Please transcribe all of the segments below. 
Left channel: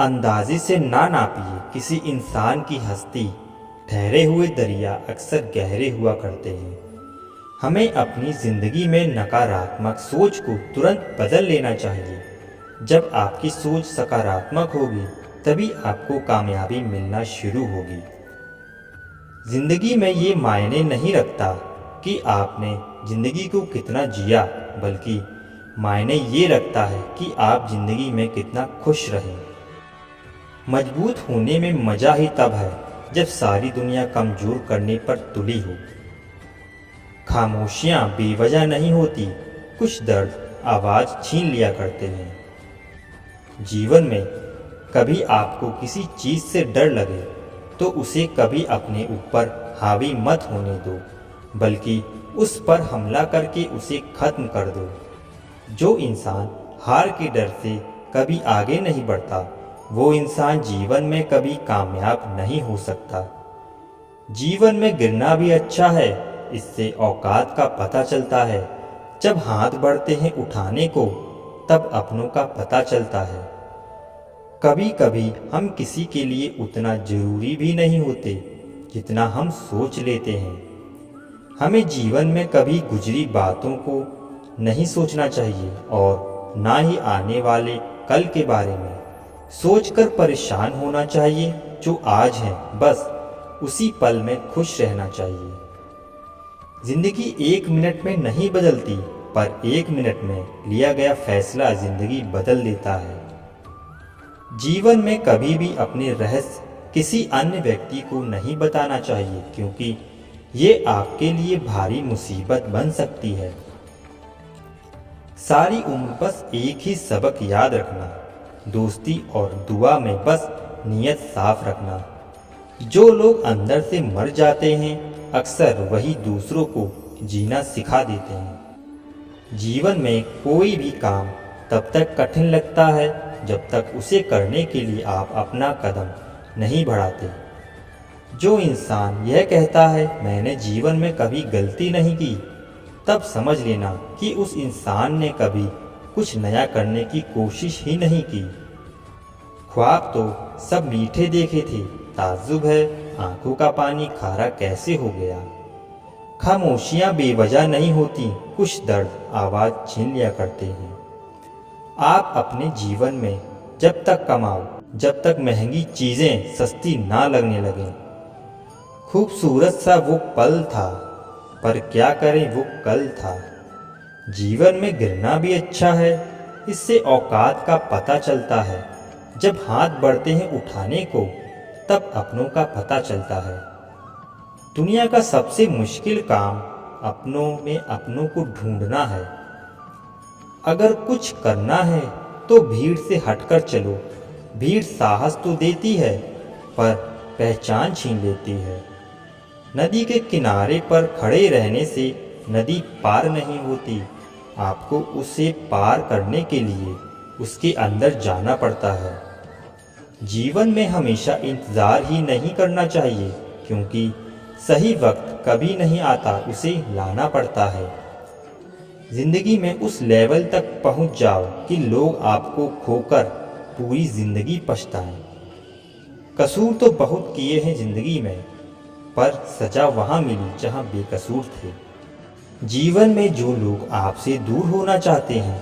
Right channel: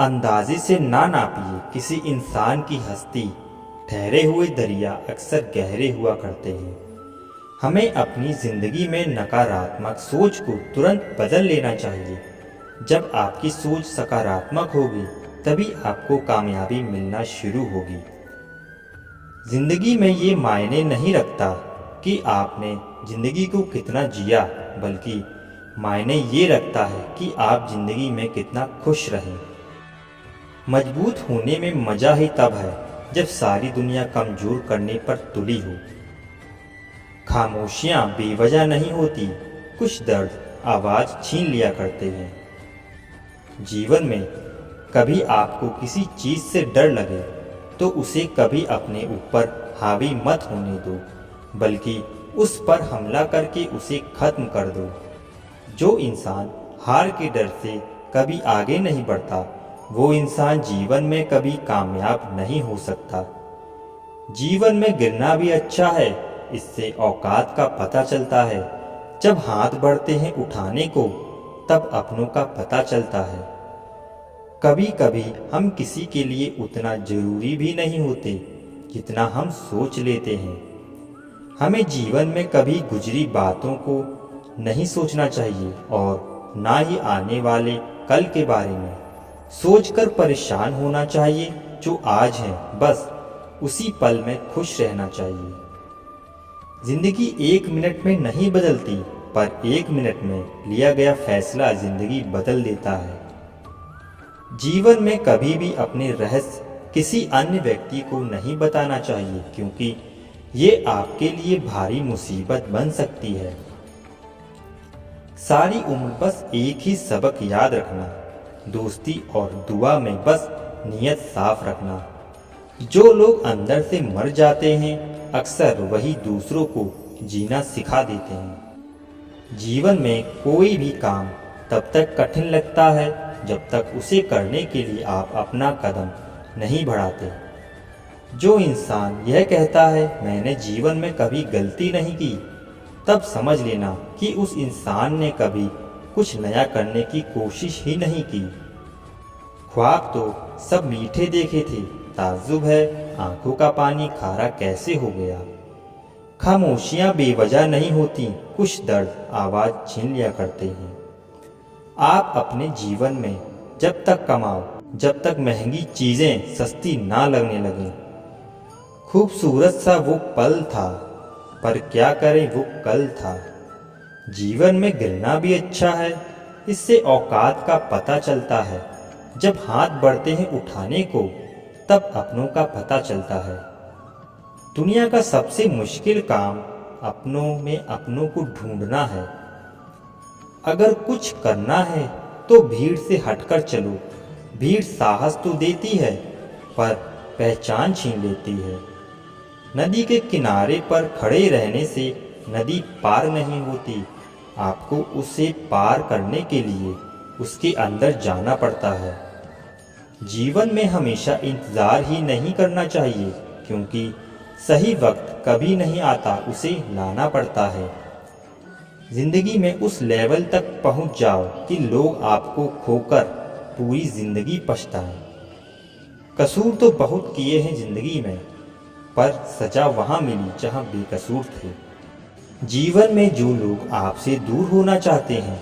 अंदाजे से ना नापिए किसी इंसान की हस्ती। ठहरे हुए दरिया अक्सर गहरे हुआ करते हैं। हमें अपनी ज़िंदगी में नकारात्मक सोच को तुरंत बदल लेना चाहिए। जब आपकी सोच सकारात्मक होगी तभी आपको कामयाबी मिलना शुरू होगी। ज़िंदगी में ये मायने नहीं रखता कि आपने ज़िंदगी को कितना जिया, बल्कि मायने ये रखता है कि आप ज़िंदगी में कितना खुश रहें। मजबूत होने में मज़ा ही तब है जब सारी दुनिया कमज़ोर करने पर तुली हो। खामोशियाँ बेवजह नहीं होती, कुछ दर्द आवाज़ छीन लिया करते हैं। जीवन में कभी आपको किसी चीज़ से डर लगे तो उसे कभी अपने ऊपर हावी मत होने दो, बल्कि उस पर हमला करके उसे ख़त्म कर दो। जो इंसान हार के डर से कभी आगे नहीं बढ़ता, वो इंसान जीवन में कभी कामयाब नहीं हो सकता। जीवन में गिरना भी अच्छा है, इससे औकात का पता चलता है। जब हाथ बढ़ते हैं उठाने को, तब अपनों का पता चलता है। कभी कभी हम किसी के लिए उतना ज़रूरी भी नहीं होते जितना हम सोच लेते हैं। हमें जीवन में कभी गुजरी बातों को नहीं सोचना चाहिए और ना ही आने वाले कल के बारे में सोचकर परेशान होना चाहिए। जो आज है बस उसी पल में खुश रहना चाहिए। ज़िंदगी 1 मिनट में नहीं बदलती, पर 1 मिनट में लिया गया फैसला ज़िंदगी बदल देता है। जीवन में कभी भी अपने रहस्य किसी अन्य व्यक्ति को नहीं बताना चाहिए, क्योंकि ये आपके लिए भारी मुसीबत बन सकती है। सारी उम्र बस एक ही सबक याद रखना, दोस्ती और दुआ में बस नीयत साफ रखना। जो लोग अंदर से मर जाते हैं, अक्सर वही दूसरों को जीना सिखा देते हैं। जीवन में कोई भी काम तब तक कठिन लगता है जब तक उसे करने के लिए आप अपना कदम नहीं बढ़ाते। जो इंसान यह कहता है मैंने जीवन में कभी गलती नहीं की, तब समझ लेना कि उस इंसान ने कभी कुछ नया करने की कोशिश ही नहीं की। ख्वाब तो सब मीठे देखे थे, ताज्जुब है आंखों का पानी खारा कैसे हो गया। खामोशियाँ बेवजह नहीं होती, कुछ दर्द आवाज़ छीन लिया करते हैं। आप अपने जीवन में जब तक कमाओ, जब तक महंगी चीज़ें सस्ती ना लगने लगें। खूबसूरत सा वो पल था, पर क्या करें वो कल था। जीवन में गिरना भी अच्छा है, इससे औकात का पता चलता है। जब हाथ बढ़ते हैं उठाने को, तब अपनों का पता चलता है। दुनिया का सबसे मुश्किल काम अपनों में अपनों को ढूंढना है। अगर कुछ करना है तो भीड़ से हटकर चलो। भीड़ साहस तो देती है, पर पहचान छीन लेती है। नदी के किनारे पर खड़े रहने से नदी पार नहीं होती, आपको उसे पार करने के लिए उसके अंदर जाना पड़ता है। जीवन में हमेशा इंतज़ार ही नहीं करना चाहिए, क्योंकि सही वक्त कभी नहीं आता, उसे लाना पड़ता है। ज़िंदगी में उस लेवल तक पहुंच जाओ कि लोग आपको खोकर पूरी ज़िंदगी पछताएं। कसूर तो बहुत किए हैं ज़िंदगी में, पर सज़ा वहाँ मिली जहाँ बेकसूर थे। जीवन में जो लोग आपसे दूर होना चाहते हैं,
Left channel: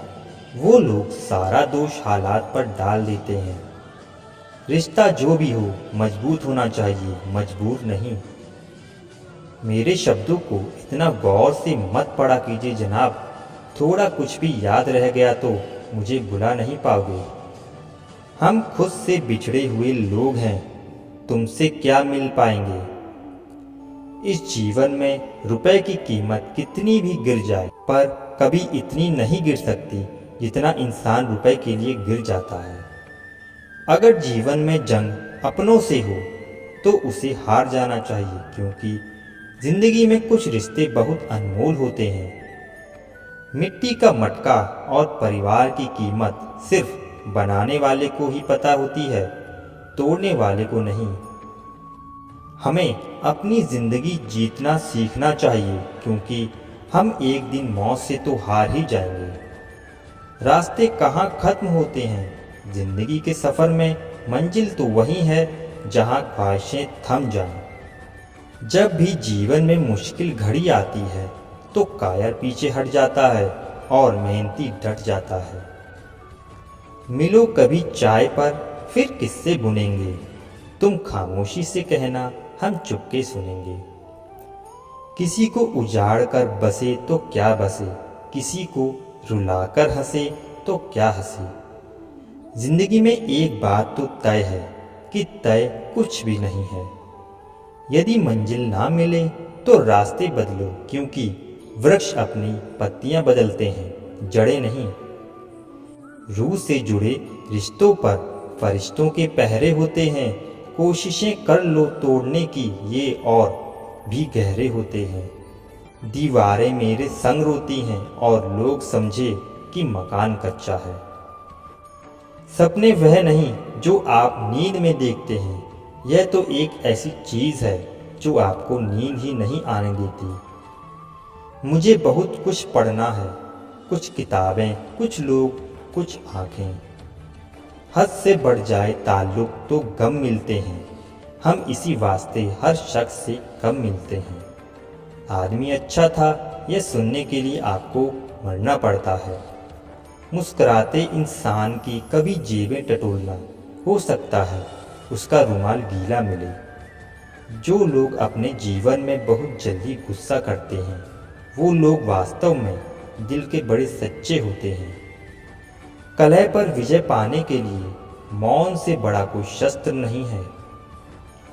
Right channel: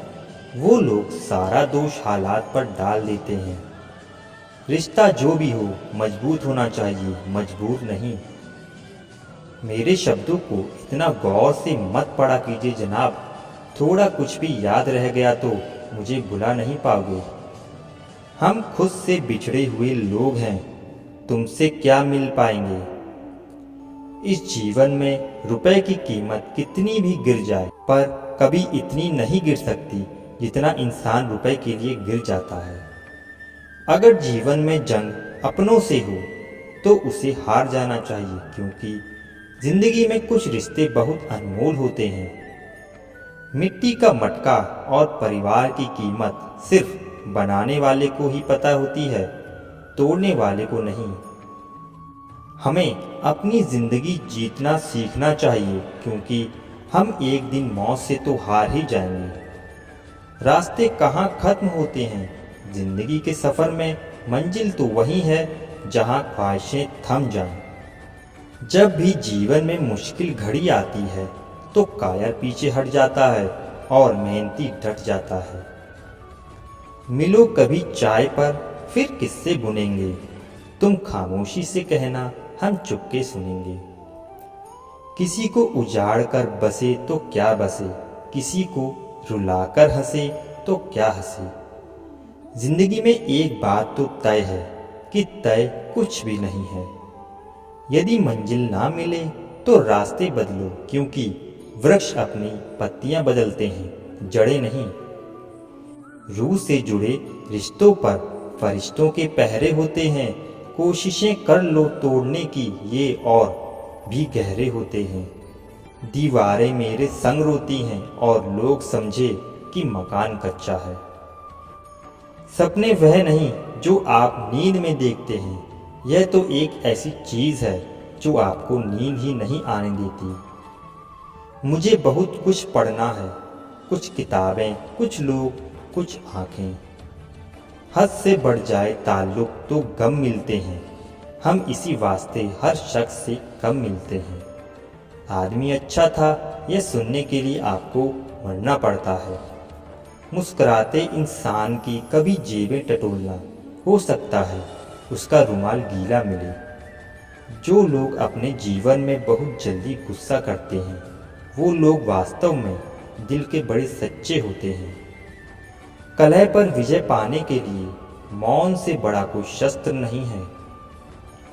वो लोग सारा दोष हालात पर डाल देते हैं। रिश्ता जो भी हो मजबूत होना चाहिए, मजबूर नहीं। मेरे शब्दों को इतना गौर से मत पढ़ा कीजिए जनाब, थोड़ा कुछ भी याद रह गया तो मुझे भुला नहीं पाओगे। हम खुद से बिछड़े हुए लोग हैं, तुमसे क्या मिल पाएंगे। इस जीवन में रुपए की कीमत कितनी भी गिर जाए, पर कभी इतनी नहीं गिर सकती जितना इंसान रुपए के लिए गिर जाता है। अगर जीवन में जंग अपनों से हो तो उसे हार जाना चाहिए, क्योंकि ज़िंदगी में कुछ रिश्ते बहुत अनमोल होते हैं। मिट्टी का मटका और परिवार की कीमत सिर्फ बनाने वाले को ही पता होती है, तोड़ने वाले को नहीं। हमें अपनी ज़िंदगी जीतना सीखना चाहिए, क्योंकि हम एक दिन मौत से तो हार ही जाएंगे। रास्ते कहाँ ख़त्म होते हैं, जिंदगी के सफ़र में मंजिल तो वही है जहाँ ख्वाहिशें थम जाएं। जब भी जीवन में मुश्किल घड़ी आती है तो कायर पीछे हट जाता है और मेहनती डट जाता है। मिलो कभी चाय पर फिर किस्से बुनेंगे, तुम खामोशी से कहना हम चुपके सुनेंगे। किसी को उजाड़ कर बसे तो क्या बसे, किसी को रुलाकर हंसे तो क्या हंसे। जिंदगी में एक बात तो तय है कि तय कुछ भी नहीं है। यदि मंजिल ना मिले तो रास्ते बदलो, क्योंकि वृक्ष अपनी पत्तियां बदलते हैं, जड़ें नहीं। रूह से जुड़े रिश्तों पर फरिश्तों के पहरे होते हैं। कोशिशें कर लो तोड़ने की, ये और भी गहरे होते हैं। दीवारें मेरे संग रोती हैं और लोग समझे कि मकान कच्चा है। सपने वह नहीं जो आप नींद में देखते हैं, यह तो एक ऐसी चीज़ है जो आपको नींद ही नहीं आने देती। मुझे बहुत कुछ पढ़ना है, कुछ किताबें, कुछ लोग, कुछ आँखें। हद से बढ़ जाए ताल्लुक़ तो गम मिलते हैं, हम इसी वास्ते हर शख्स से कम मिलते हैं। आदमी अच्छा था यह सुनने के लिए आपको मरना पड़ता है। मुस्कुराते इंसान की कभी जेबें टटोलना, हो सकता है उसका रुमाल गीला मिले। जो लोग अपने जीवन में बहुत जल्दी गुस्सा करते हैं, वो लोग वास्तव में दिल के बड़े सच्चे होते हैं। कलह पर विजय पाने के लिए मौन से बड़ा कोई शस्त्र नहीं है।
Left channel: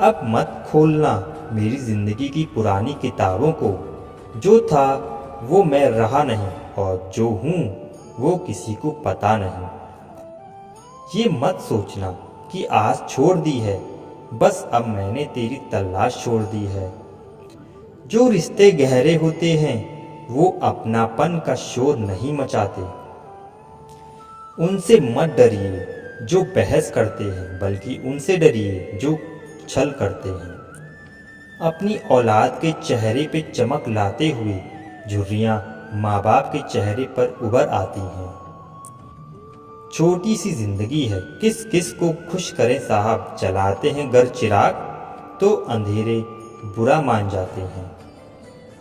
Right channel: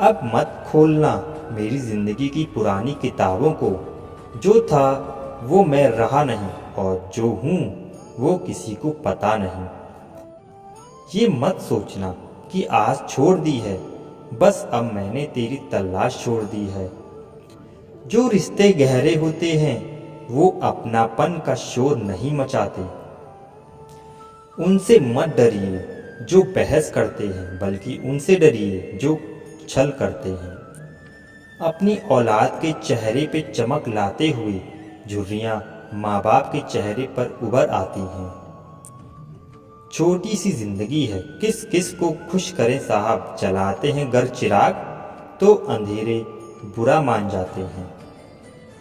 अब मत खोलना मेरी ज़िंदगी की पुरानी किताबों को, जो था वो मैं रहा नहीं और जो हूँ वो किसी को पता नहीं। ये मत सोचना कि आस छोड़ दी है, बस अब मैंने तेरी तलाश छोड़ दी है। जो रिश्ते गहरे होते हैं वो अपनापन का शोर नहीं मचाते। उनसे मत डरिए जो बहस करते हैं, बल्कि उनसे डरिए जो छल करते हैं। अपनी औलाद के चेहरे पे चमक लाते हुए झुर्रियाँ माँ बाप के चेहरे पर उभर आती हैं। छोटी सी जिंदगी है, किस किस को खुश करें साहब। जलाते हैं घर चिराग तो अंधेरे बुरा मान जाते हैं।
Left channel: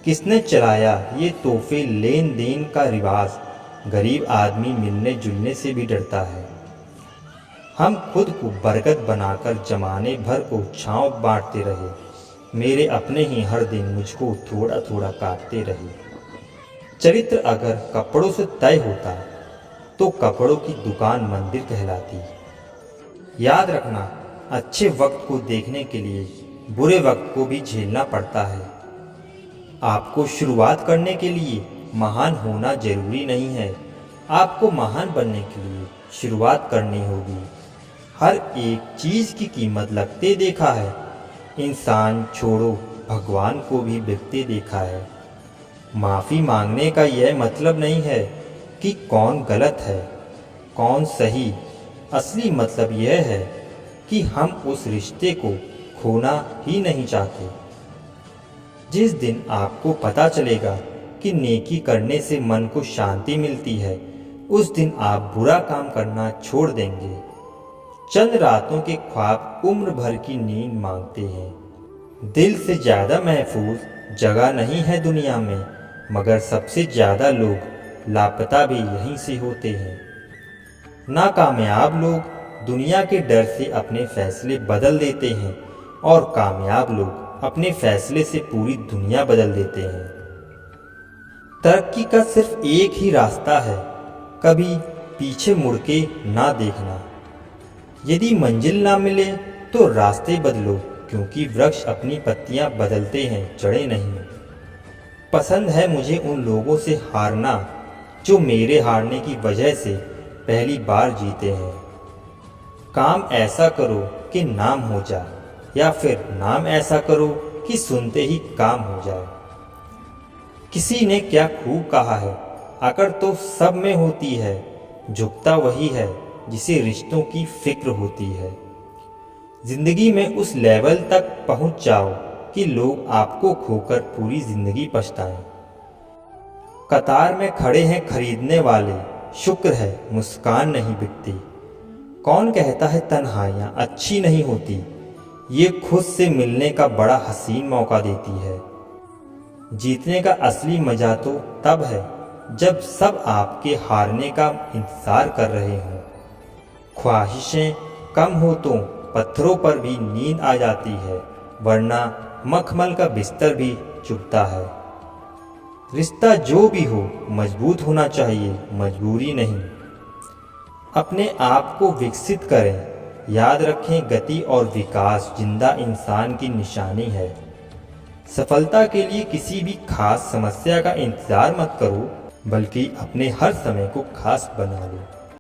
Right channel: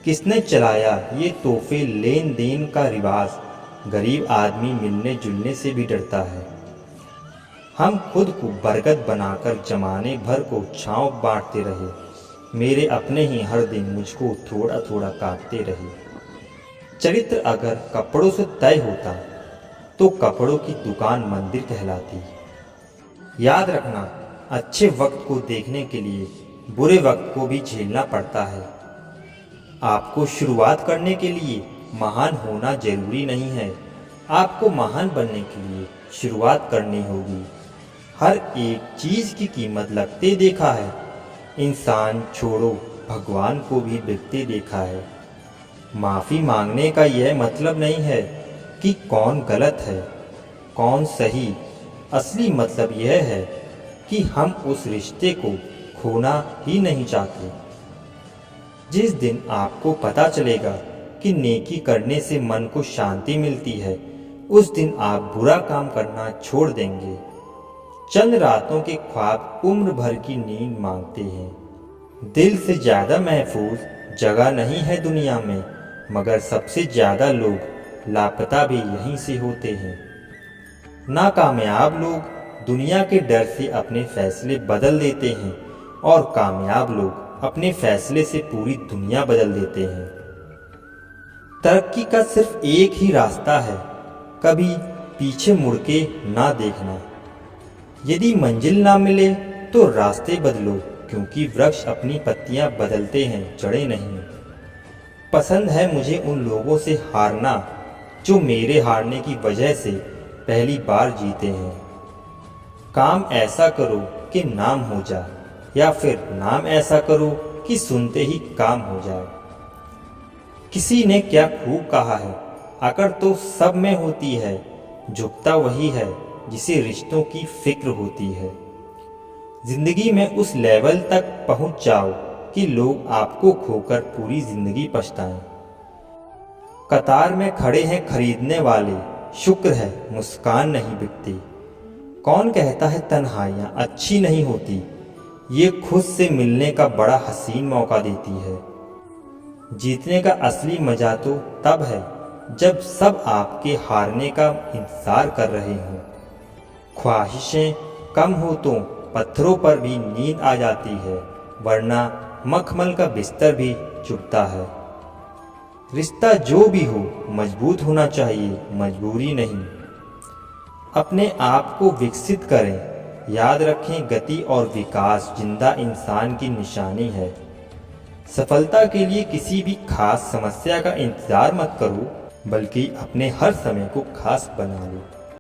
किसने चलाया ये तोहफे लेन देन का रिवाज, गरीब आदमी मिलने जुलने से भी डरता है। हम खुद को बरगद बनाकर जमाने भर को छाँव बांटते रहे, मेरे अपने ही हर दिन मुझको थोड़ा थोड़ा काटते रहे। चरित्र अगर कपड़ों से तय होता तो कपड़ों की दुकान मंदिर कहलाती। याद रखना, अच्छे वक्त को देखने के लिए बुरे वक्त को भी झेलना पड़ता है। आपको शुरुआत करने के लिए महान होना जरूरी नहीं है, आपको महान बनने के लिए शुरुआत करनी होगी। हर एक चीज़ की कीमत लगते देखा है, इंसान छोड़ो भगवान को भी बिकते देखा है। माफ़ी मांगने का यह मतलब नहीं है कि कौन गलत है कौन सही, असली मतलब यह है कि हम उस रिश्ते को खोना ही नहीं चाहते। जिस दिन आपको पता चलेगा कि नेकी करने से मन को शांति मिलती है, उस दिन आप बुरा काम करना छोड़ देंगे। चंद रातों के ख्वाब उम्र भर की नींद मांगते हैं। दिल से ज़्यादा महफूज जगह नहीं है दुनिया में, मगर सबसे ज़्यादा लोग लापता भी यहीं से होते हैं। नाकामयाब लोग दुनिया के डर से अपने फैसले बदल देते हैं और कामयाब लोग अपने फैसले से पूरी दुनिया बदल देते हैं। तरक्की का सिर्फ एक ही रास्ता है, कभी पीछे मुड़ के ना देखना। यदि मंजिल ना मिले तो रास्ते बदलो, क्योंकि वृक्ष अपनी पत्तियां बदलते हैं, जड़ें नहीं। पसंद है मुझे उन लोगों से हारना जो मेरे हारने की वजह से पहली बार जीते हैं। काम ऐसा करो कि नाम हो जाए, या फिर नाम ऐसा करो कि सुनते ही काम हो जाए। किसी ने क्या खूब कहा है, अकड़ तो सब में होती है, झुकता वही है जिसे रिश्तों की फिक्र होती है। जिंदगी में उस लेवल तक पहुंच जाओ कि लोग आपको खोकर पूरी जिंदगी पछताएं। कतार में खड़े हैं खरीदने वाले, शुक्र है मुस्कान नहीं बिकती। कौन कहता है तन्हाइयाँ अच्छी नहीं होती, ये खुद से मिलने का बड़ा हसीन मौका देती है। जीतने का असली मज़ा तो तब है जब सब आपके हारने का इंतज़ार कर रहे हों। ख्वाहिशें कम हो तो पत्थरों पर भी नींद आ जाती है, वरना मखमल का बिस्तर भी चुभता है। रिश्ता जो भी हो मजबूत होना चाहिए, मजबूरी नहीं। अपने आप को विकसित करें। याद रखें, गति और विकास जिंदा इंसान की निशानी है। सफलता के लिए किसी भी खास समस्या का इंतज़ार मत करो, बल्कि अपने हर समय को खास बना लो।